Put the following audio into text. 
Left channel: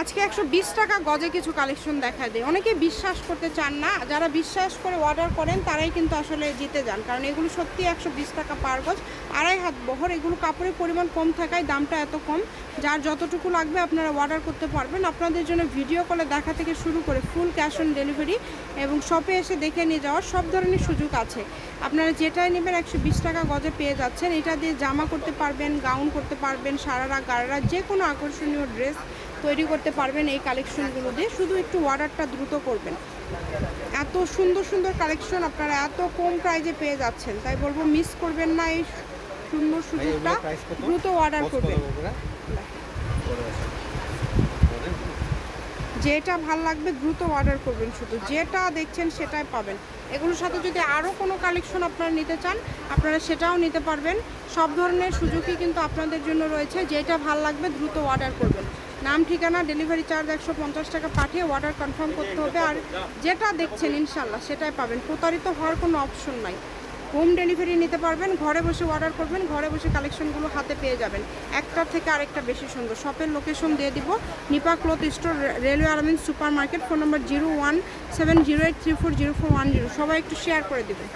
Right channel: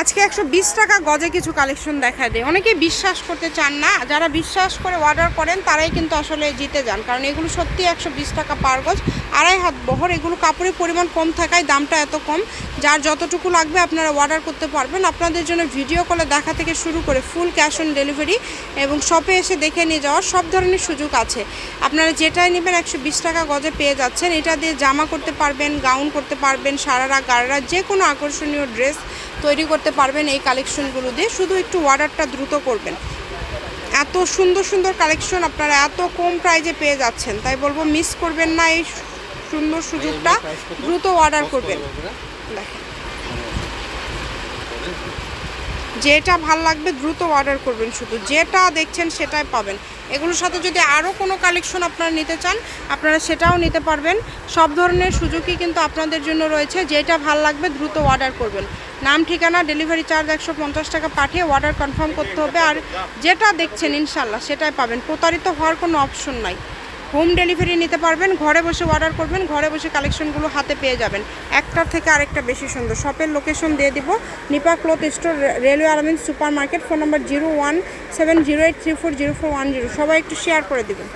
আজকে 120 টাকা গজে কিছু কালেকশন দেখা দেয়। অনেকেই বিশ্বাস করতে চান না, যারা বিশ্বাস করে অর্ডার করেন তারাই কিন্তু আসলে জিতে যান, কারণ এগুলো সত্যি 120 টাকা পার গজ, আড়াই হাত বহর। এগুলো কাপড়ের পরিমাণ কম থাকায় দামটা এত কম। যার যতটুকু লাগবে আপনারা অর্ডার করতে পারবেন। আপনাদের জন্য ভিডিও কলে দেখা থেকে শুরু করে ফুল ক্যাশ অন ডেলিভারি এবং শপে এসে দেখে নিয়ে যাওয়ার সব ধরনের সুযোগ আছে। আপনারা যেটাই নেবেন 120 টাকা গজে পেয়ে যাচ্ছেন। এটা দিয়ে জামা করতে পারবেন, গাউন করতে পারবেন, সারারা গারারা যে কোনো আকর্ষণীয় ড্রেস তৈরি করতে পারবেন এই কালেকশনগুলো দিয়ে। শুধু একটু অর্ডারটা দ্রুত করবেন। এত সুন্দর সুন্দর কালেকশন আপনারা এত কম প্রাইজে পেয়ে যাচ্ছেন, তাই বলবো মিস করবেন না এই সুন্দর সুযোগটা, দ্রুত অর্ডার করবেন। দেখেন যেটা ভাল লাগবে দ্রুত অর্ডার করবেন, শুধু যেটা দেখছেন সেটাই পাবেন। এগুলোর সাথে যদি আরও কোনো কালেকশন আপনারা নিতে চান আপনারা সেটাও নিতে পারবেন। সব ধরনের সুযোগই কিন্তু আপনাদের জন্য রয়েছে। যেটা ভাল লাগবে দ্রুত অর্ডার করবেন। নাম, ঠিকানা, ডেলিভারি চার্জ 150 টাকা পাঠিয়ে অর্ডার কনফার্ম করতে হবে। আর যেটা দেখছেন ইনশাল্লাহ সেটাই পাবেন, প্রতারিত হওয়ার কোনো অপশন নাই। হোম ডেলিভারি নিতে পারবেন, ঘরে বসে অর্ডার করবেন, ঘরে বসে কালেকশনগুলো হাতে পেয়ে যাবেন। একটার থেকে আরেকটা বেশি সুন্দর। শপের লোকেশন দিয়ে দিব, নিপা ক্লথ স্টোর, রেলওয়ে আলামিন সুপার মার্কেট। ফোন নম্বর 017083404110। সবাই একটু শেয়ার করে দিবেন।